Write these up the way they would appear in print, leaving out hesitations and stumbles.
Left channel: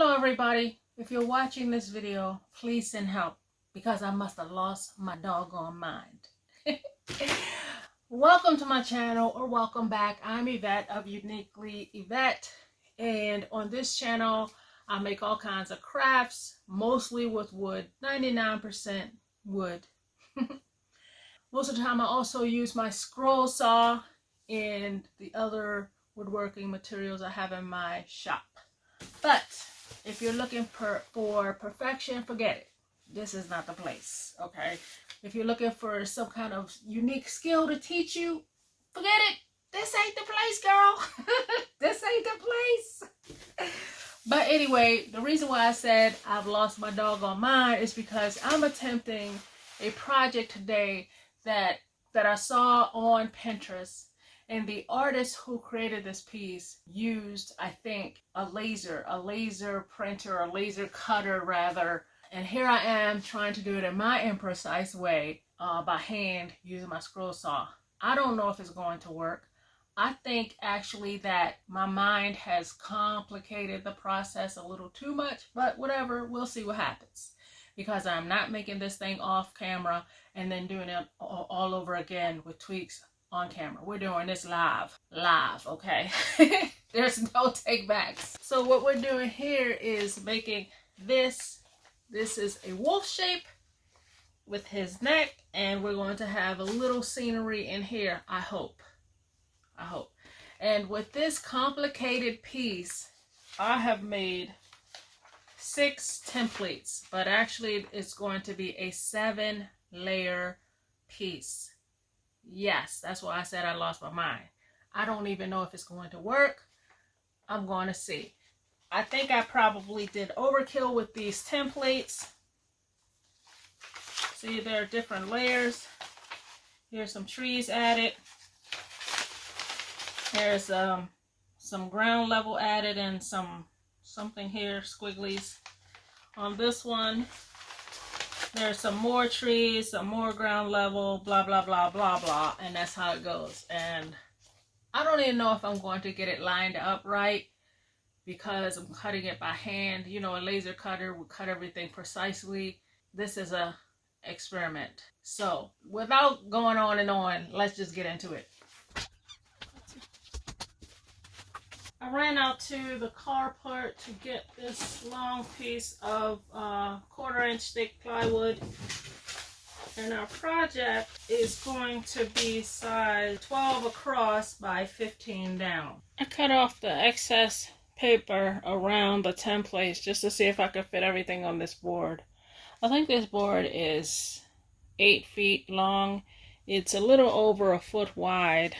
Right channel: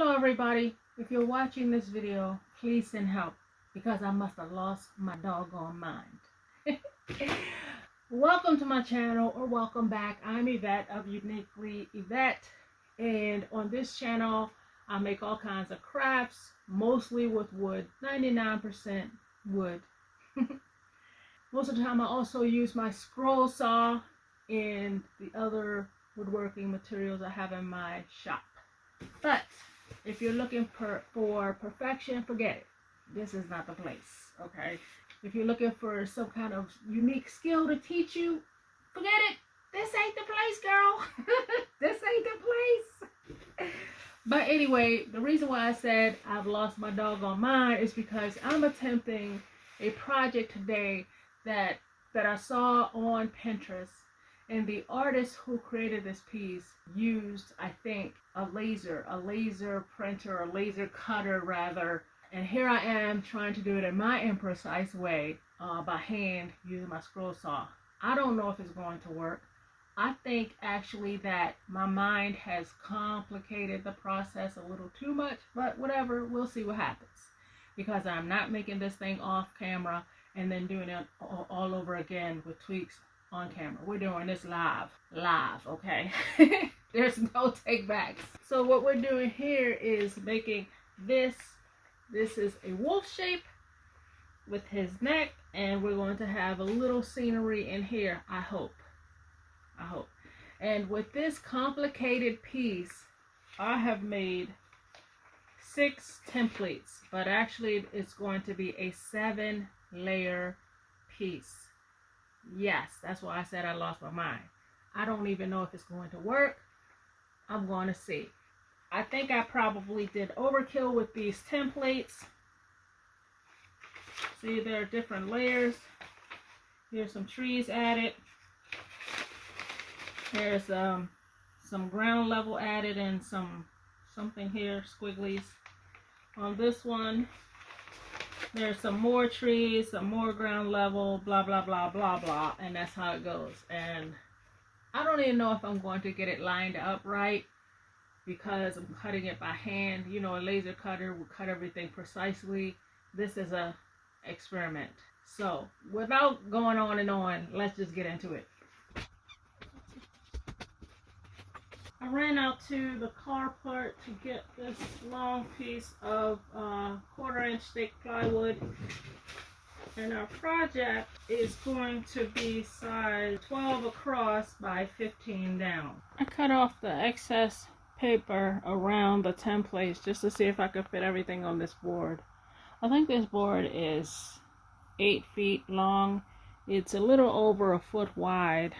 Hello everybody. If you're watching this video, please send help because I must have lost my doggone mind. Welcome to my channel, or welcome back. I'm Yvette of Uniquely Yvette, and on this channel I make all kinds of crafts, mostly with wood, 99% wood. Most of the time I also use my scroll saw and the other woodworking materials I have in my shop. But if you're looking for perfection, forget it. This is not the place, okay? If you're looking for some kind of unique skill to teach you, forget it. This ain't the place, girl. This ain't the place. But anyway, the reason why I said I've lost my doggone mind is because I'm attempting a project today that I saw on Pinterest. And the artist who created this piece used, I think, a laser printer, a laser cutter rather. And here I am trying to do it in my imprecise way by hand using my scroll saw. I don't know if it's going to work. I think actually that my mind has complicated the process a little too much, but whatever, we'll see what happens. Because I'm not making this thing off camera and then doing it all over again with tweaks on camera. We're doing this live, okay? There's no take backs. So what we're doing here is making this. This is a wolf shape with his neck, and we're going to have a little scenery in here, I hope. And with this complicated piece, I have made 6 templates, but actually it's going to be a 7-layer piece. Yes, that's why I said I lost my mind. I don't even know if it's going to work. I'm going to see. I think I probably did overkill with these templates. See, there are different layers. Here's some trees added. There's some ground level added and something here, squigglies. On this one, there's some more trees, some more ground level, blah, blah, blah, blah, blah. And that's how it goes. And I don't even know if I'm going to get it lined up right because I'm cutting it by hand. You know, a laser cutter will cut everything precisely. This is a experiment. So without going on and on, let's just get into it. I ran out to the carport to get this long piece of 1/4-inch thick plywood, and our project is going to be size 12 across by 15 down. I cut off the excess paper around the templates just to see if I could fit everything on this board. I think this board is 8 feet long. It's a little over 1 foot wide.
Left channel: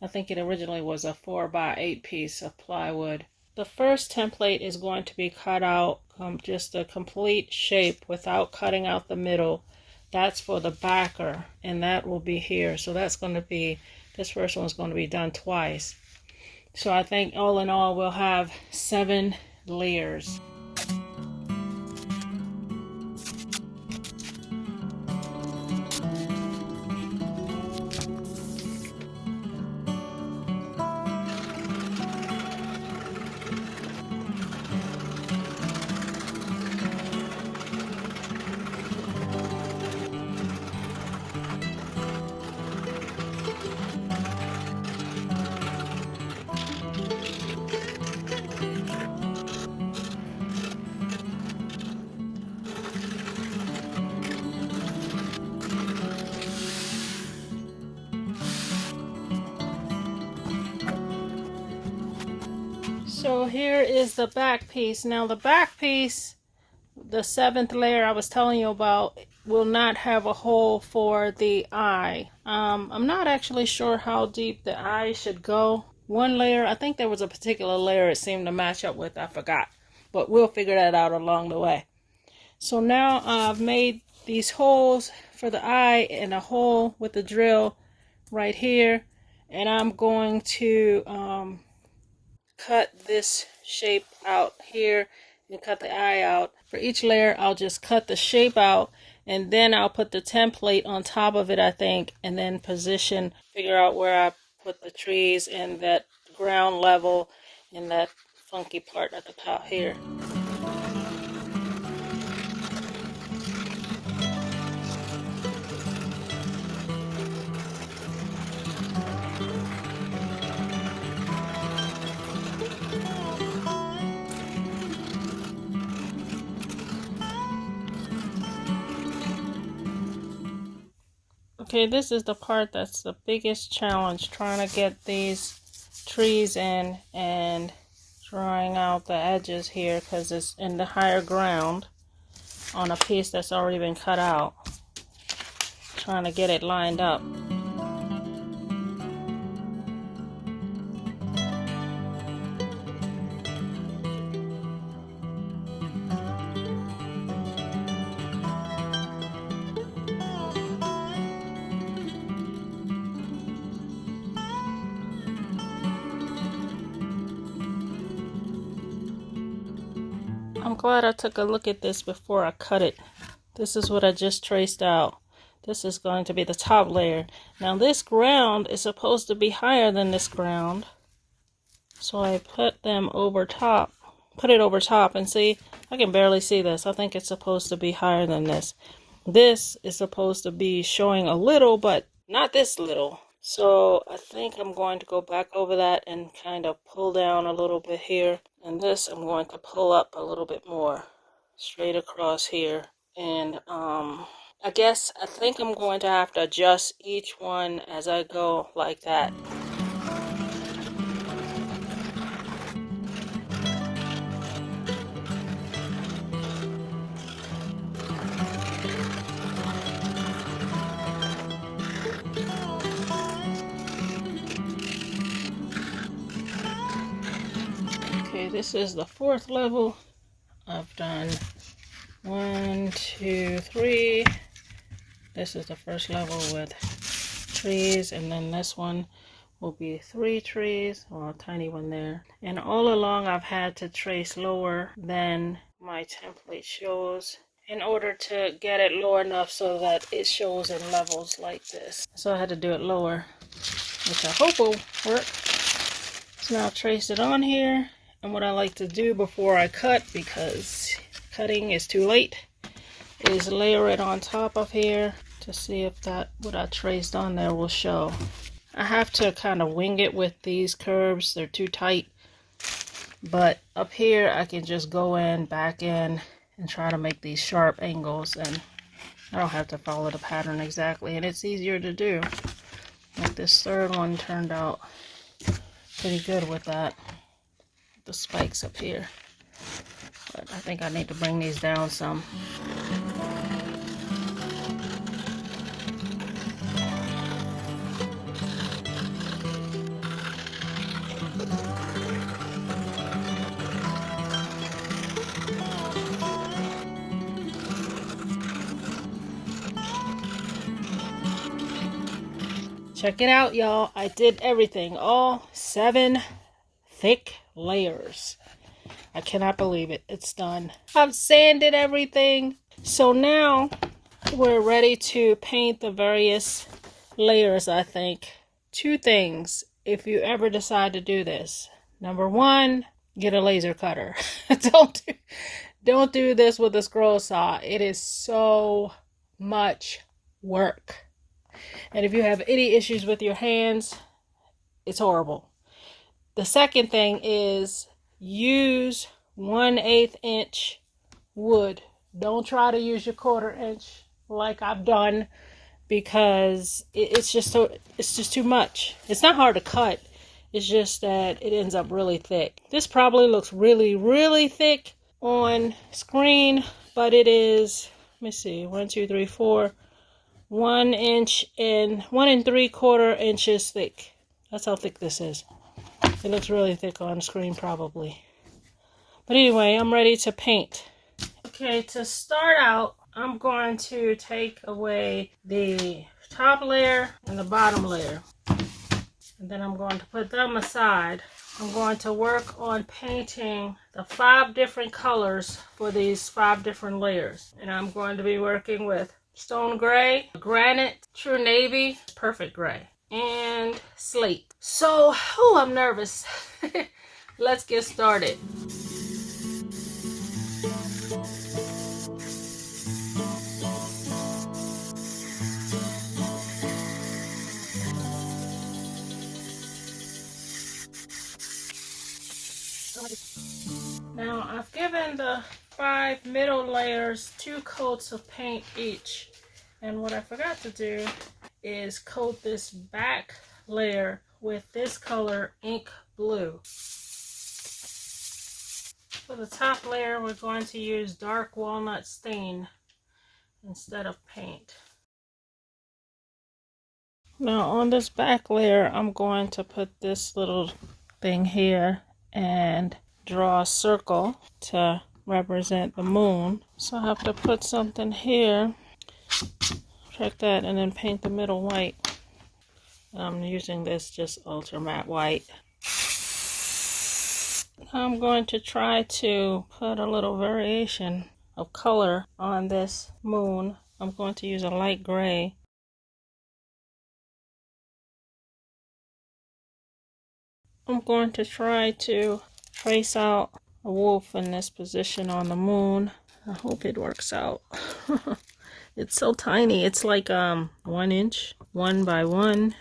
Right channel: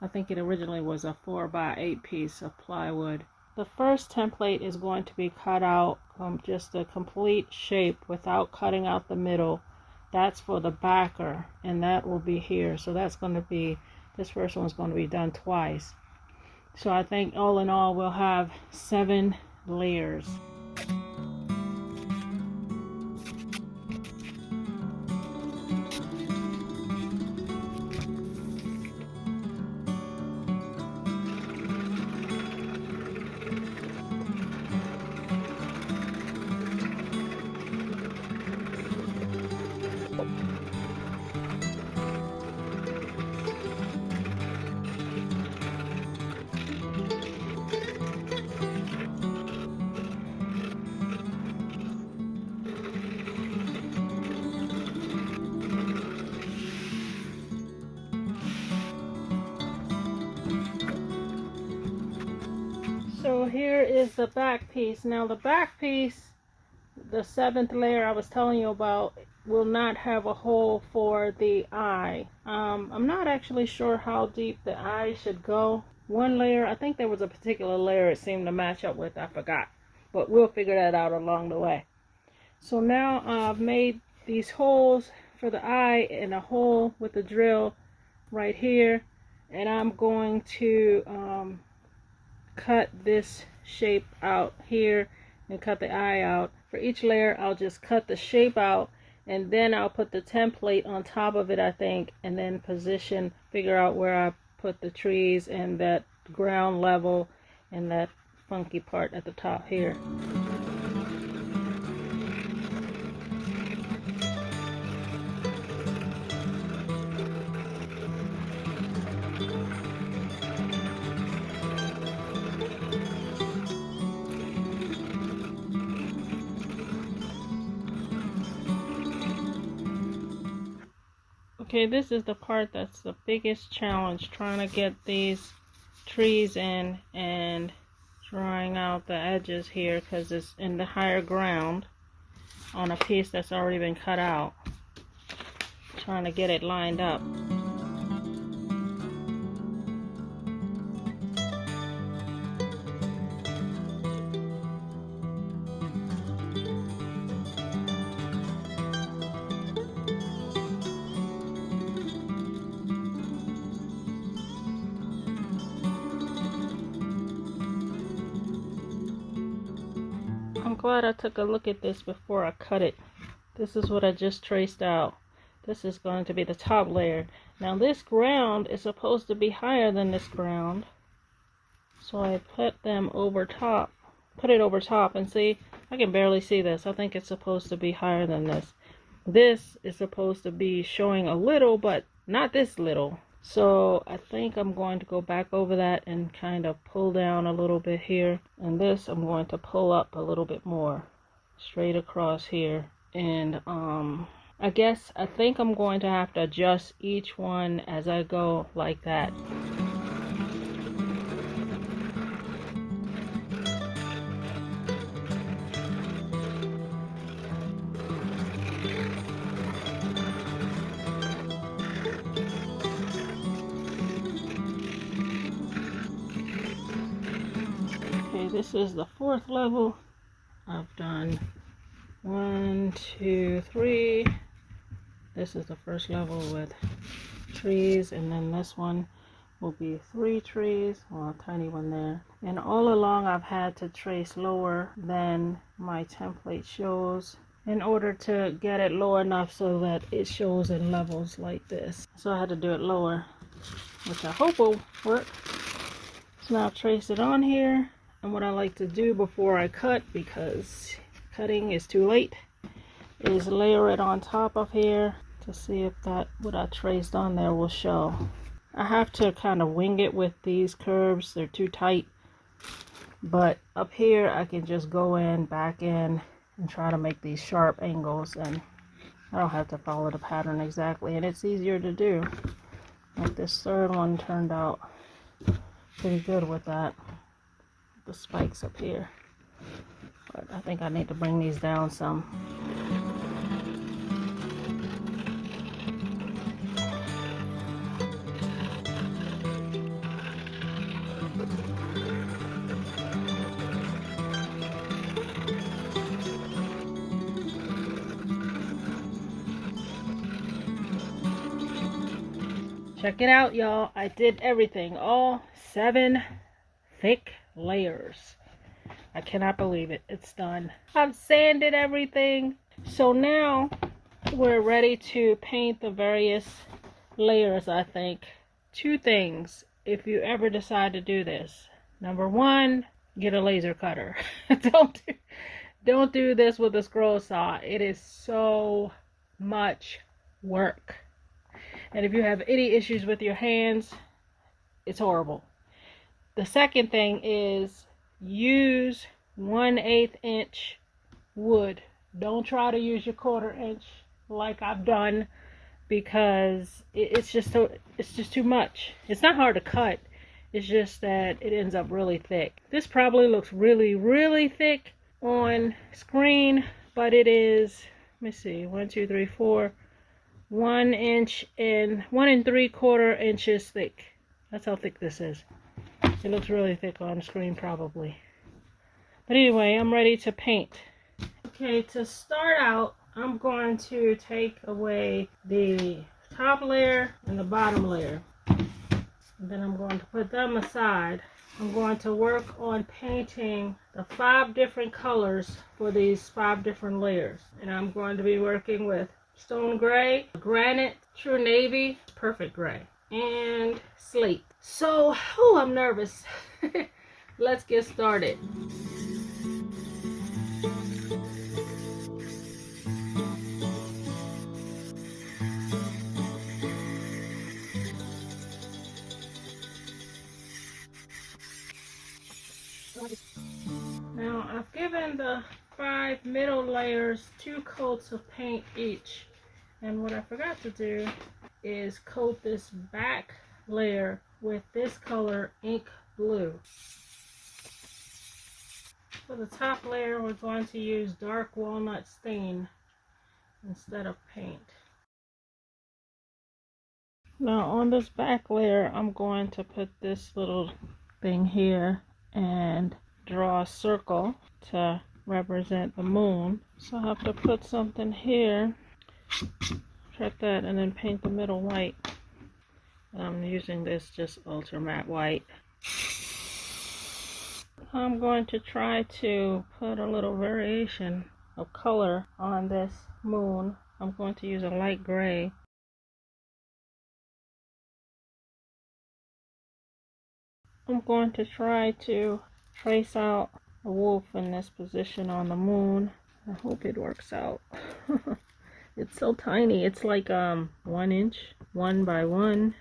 I think it originally was a 4x8 piece of plywood. The first template is going to be cut out just a complete shape without cutting out the middle. That's for the backer, and that will be here. So that's going to be, this first one's going to be done twice. So I think all in all we'll have 7 layers. So here is the back piece. Now the back piece, the 7th layer I was telling you about, will not have a hole for the eye. I'm not actually sure how deep the eye should go. One layer, I think there was a particular layer it seemed to match up with, I forgot. But we'll figure that out along the way. So now I've made these holes for the eye and a hole with the drill right here. And I'm going to cut this shape out here and cut the eye out. For each layer I'll just cut the shape out, and then I'll put the template on top of it, I think, and then figure out where I put the trees and that ground level and that funky part at the top here. Okay, this is the part that's the biggest challenge, trying to get these trees in and drawing out the edges here because it's in the higher ground on a piece that's already been cut out. Trying to get it lined up. I'm glad I took a look at this before I cut it. This is what I just traced out. This is going to be the top layer. Now this ground is supposed to be higher than this ground. So I put them over top. Put it over top and see, I can barely see this. I think it's supposed to be higher than this. This is supposed to be showing a little, but not this little. So I think I'm going to go back over that and kind of pull down a little bit here. And this I'm going to pull up a little bit more straight across here. And I think I'm going to have to adjust each one as I go like that. Okay, this is the fourth level. I've done 1, 2, 3. This is the first level with trees, and then this one will be 3 trees, well, a tiny one there. And all along I've had to trace lower than my template shows in order to get it low enough so that it shows in levels like this. So I had to do it lower, which I hope will work. So now I've traced it on here, and what I like to do before I cut, because cutting is too late, is layer it on top of here to see if that what I traced on there will show. I have to kind of wing it with these curves. They're too tight. But up here I can just go in, back in, and try to make these sharp angles, and I don't have to follow the pattern exactly, and it's easier to do. Like this third one turned out pretty good with that. The spikes up here. But I think I need to bring these down some. Check it out, y'all. I did everything. All 7 thick layers. I cannot believe it. It's done. I've sanded everything. So now we're ready to paint the various layers, I think. 2 things if you ever decide to do this. Number 1, get a laser cutter. Don't do this with a scroll saw. It is so much work. And if you have any issues with your hands, it's horrible. The second thing is use 1/8 inch wood. Don't try to use your 1/4 inch like I've done, because it's just too much. It's not hard to cut. It's just that it ends up really thick. This probably looks really, really thick on screen, but it is, let me see, 1, 2, 3, 4, 1 inch and 1 3/4 inches thick. That's how thick this is. It looks really thick on screen probably. But anyway, I'm ready to paint. Okay, to start out, I'm going to take away the top layer and the bottom layer. And then I'm going to put them aside. I'm going to work on painting the 5 different colors for these 5 different layers. And I'm going to be working with stone gray, granite, true navy, perfect gray, and slate. So, I'm nervous. Let's get started. Now, I've given the 5 middle layers 2 coats of paint each. And what I forgot to do is coat this back layer with this color, ink blue. For the top layer, we're going to use dark walnut stain instead of paint. Now on this back layer, I'm going to put this little thing here and draw a circle to represent the moon. So I have to put something here, check that, and then paint the middle white. And I'm using this just ultra matte white. I'm going to try to put a little variation of color on this moon. I'm going to use a light gray. I'm going to try to trace out a wolf in this position on the moon. I hope it works out. It's so tiny. It's like 1 inch, 1 by 1.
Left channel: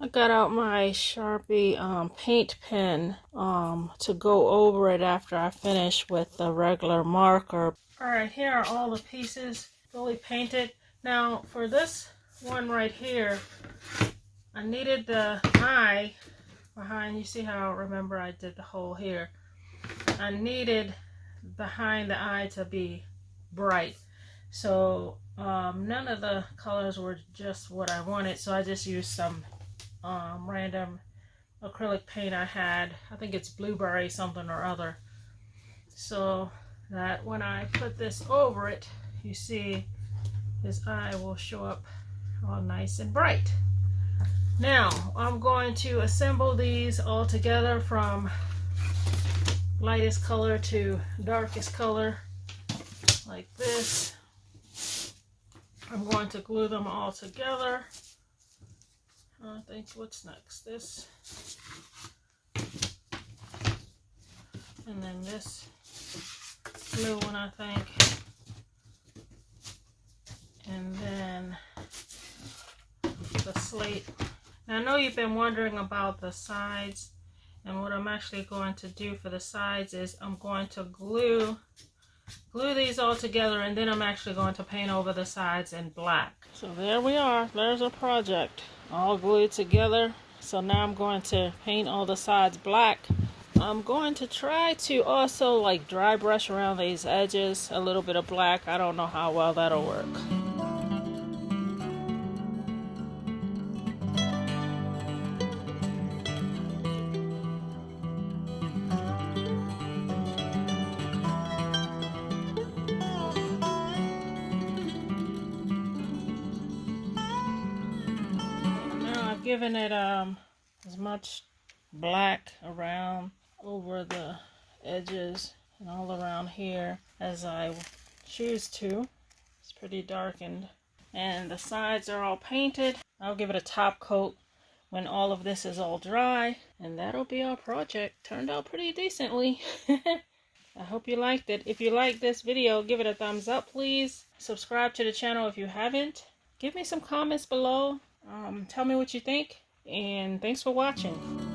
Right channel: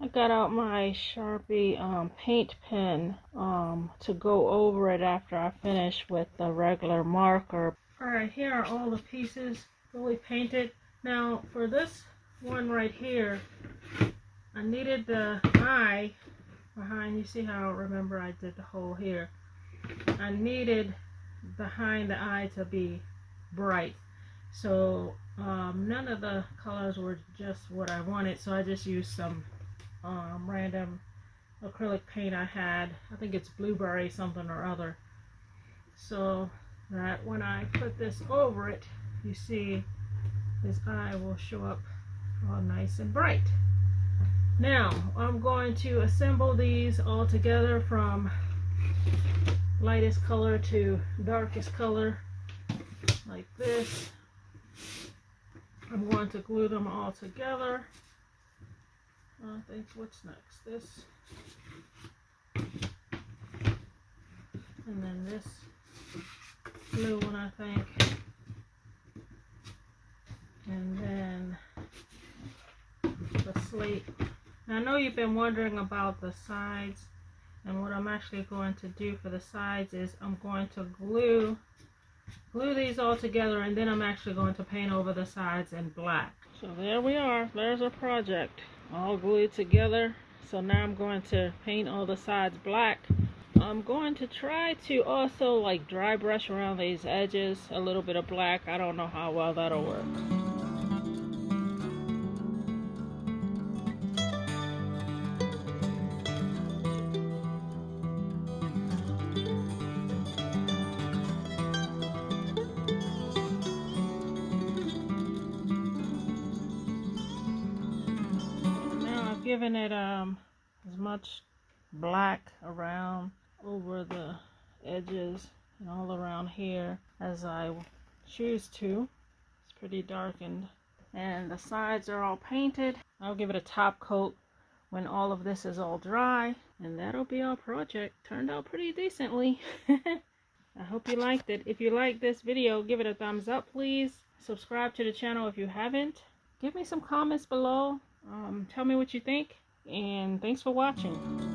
I got out my Sharpie paint pen to go over it after I finish with the regular marker. Alright, here are all the pieces fully painted. Now for this one right here, I needed the eye behind. You see how, remember, I did the hole here. I needed behind the eye to be bright. So none of the colors were just what I wanted, so I just used some random acrylic paint I had. I think it's blueberry something or other, so that when I put this over it, you see this eye will show up all nice and bright. Now I'm going to assemble these all together from lightest color to darkest color like this. I'm going to glue them all together. I think, what's next? This. And then this blue one, I think. And then the slate. Now I know you've been wondering about the sides, and what I'm actually going to do for the sides is I'm going to glue these all together, and then I'm actually going to paint over the sides in black. So there we are. There's our project all glued together. So now I'm going to paint all the sides black. I'm going to try to also like dry brush around these edges a little bit of black. I don't know how well that'll work. Giving it as much black around over the edges and all around here as I choose to. It's pretty darkened, and the sides are all painted. I'll give it a top coat when all of this is all dry, and that'll be our project. Turned out pretty decently. I hope you liked it. If you liked this video, give it a thumbs up, please. Subscribe to the channel if you haven't. Give me some comments below. Tell me what you think, and thanks for watching.